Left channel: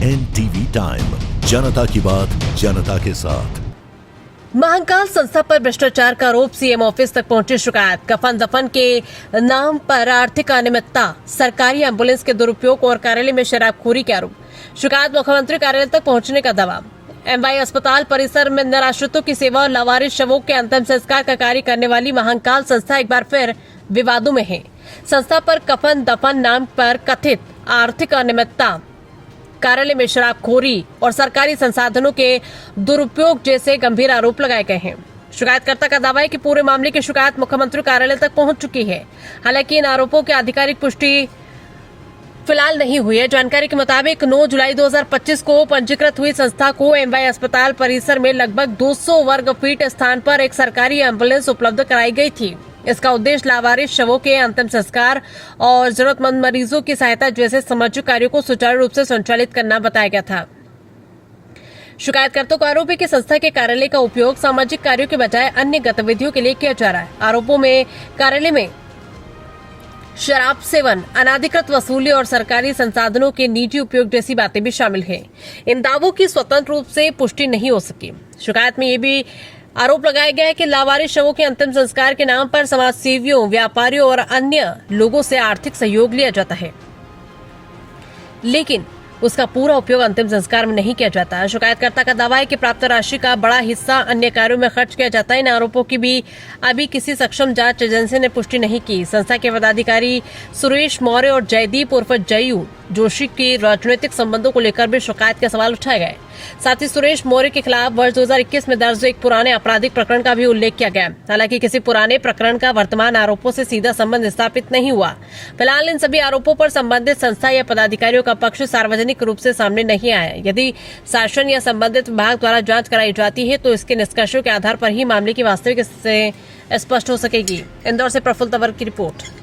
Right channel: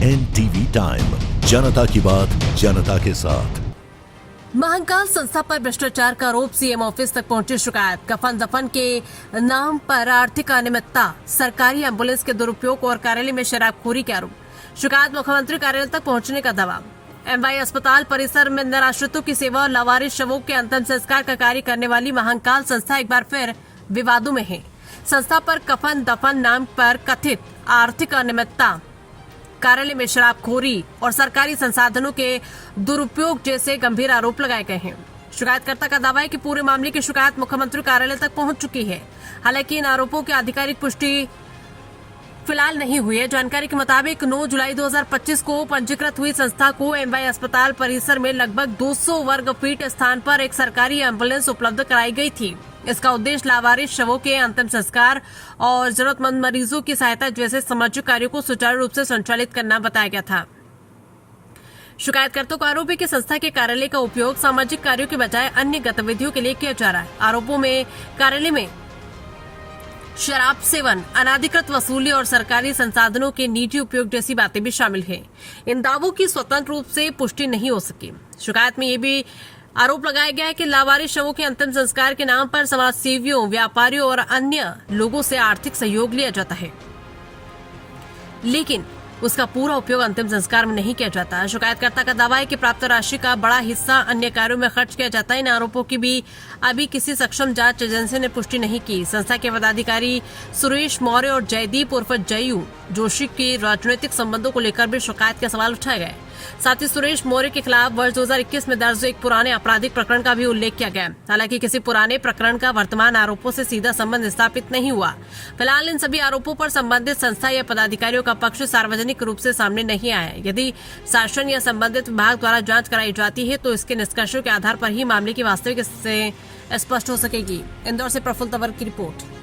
NTV time, जनता की बात जनता के साथ। महाकाल संस्था पर भ्रष्टाचार का आरोप, सीएम ऑफिस तक पहुंची शिकायत। कफन दफन के नाम पर आर्थिक अनियमितता, सरकारी एम्बुलेंस के दुरुपयोग और कार्यालय में शराबखोरी के आरोप। शिकायत मुख्यमंत्री कार्यालय तक पहुंचने का दावा। एमवाई अस्पताल परिसर में निराश्रितों की सेवा और लावारिस शवों के अंतिम संस्कार का कार्य करने वाली महाकाल संस्था एक बार फिर विवादों में है। संस्था पर कफन दफन नाम पर कथित आर्थिक अनियमितता, कार्यालय में शराबखोरी और सरकारी संसाधनों के दुरुपयोग जैसे गंभीर आरोप लगाए गए हैं। शिकायतकर्ता का दावा है कि पूरे मामले की शिकायत मुख्यमंत्री कार्यालय तक पहुंच चुकी है। हालांकि इन आरोपों की आधिकारिक पुष्टि फिलहाल नहीं हुई है। जानकारी के मुताबिक 9 जुलाई 2025 को पंजीकृत हुई संस्था को एमवाई अस्पताल परिसर में लगभग 200 वर्ग फीट स्थान पर एक सरकारी एम्बुलेंस उपलब्ध कराई गई थी। इसका उद्देश्य लावारिस शवों के अंतिम संस्कार और जरूरतमंद मरीजों की सहायता जैसे सामाजिक कार्यों को सुचारू रूप से संचालित करना बताया गया था। शिकायतकर्ता को आरोप है कि संस्था के कार्यालय का उपयोग सामाजिक कार्यों के बजाय अन्य गतिविधियों के लिए किया जा रहा है। आरोपों में कार्यालय में शराब सेवन, अनाधिकृत वसूली और सरकारी संसाधनों के निजी उपयोग जैसी बातें भी शामिल हैं। इन दावों की स्वतंत्र रूप से पुष्टि नहीं हो सकी। शिकायत में ये भी आरोप लगाया गया है कि लावारिस शवों के अंतिम संस्कार के नाम पर समाज सेवियों, व्यापारियों और अन्य लोगों से आर्थिक सहयोग लिया जाता है, लेकिन उसका पूरा उपयोग अंतिम संस्कार में नहीं किया जाता है। शिकायतकर्ता का दावा है कि प्राप्त राशि का बड़ा हिस्सा अन्य कार्यों में खर्च किया जाता है। इन आरोपों की भी अभी किसी सक्षम जांच एजेंसी ने पुष्टि नहीं की। संस्था के पदाधिकारी सुरेश मौर्य और जयदीप उर्फ जयू जोशी के राजनीतिक संबंधों को लेकर भी शिकायत के सवाल उठाए गए। साथ ही सुरेश मौर्य के खिलाफ वर्ष 2021 में दर्ज एक पुराने आपराधिक प्रकरण का भी उल्लेख किया गया। हालांकि किसी पुराने प्रकरण का वर्तमान आरोपों से सीधा संबंध स्थापित नहीं हुआ। फिलहाल इन सभी आरोपों पर संबंधित संस्था या पदाधिकारियों का पक्ष सार्वजनिक रूप से सामने नहीं आया। यदि शासन या संबंधित विभाग द्वारा जांच कराई जाती है तो इसके निष्कर्षों के आधार पर ही मामले की वास्तविक स्थिति स्पष्ट हो सकेगी। इंदौर से प्रफुल्ल तंवर की रिपोर्ट।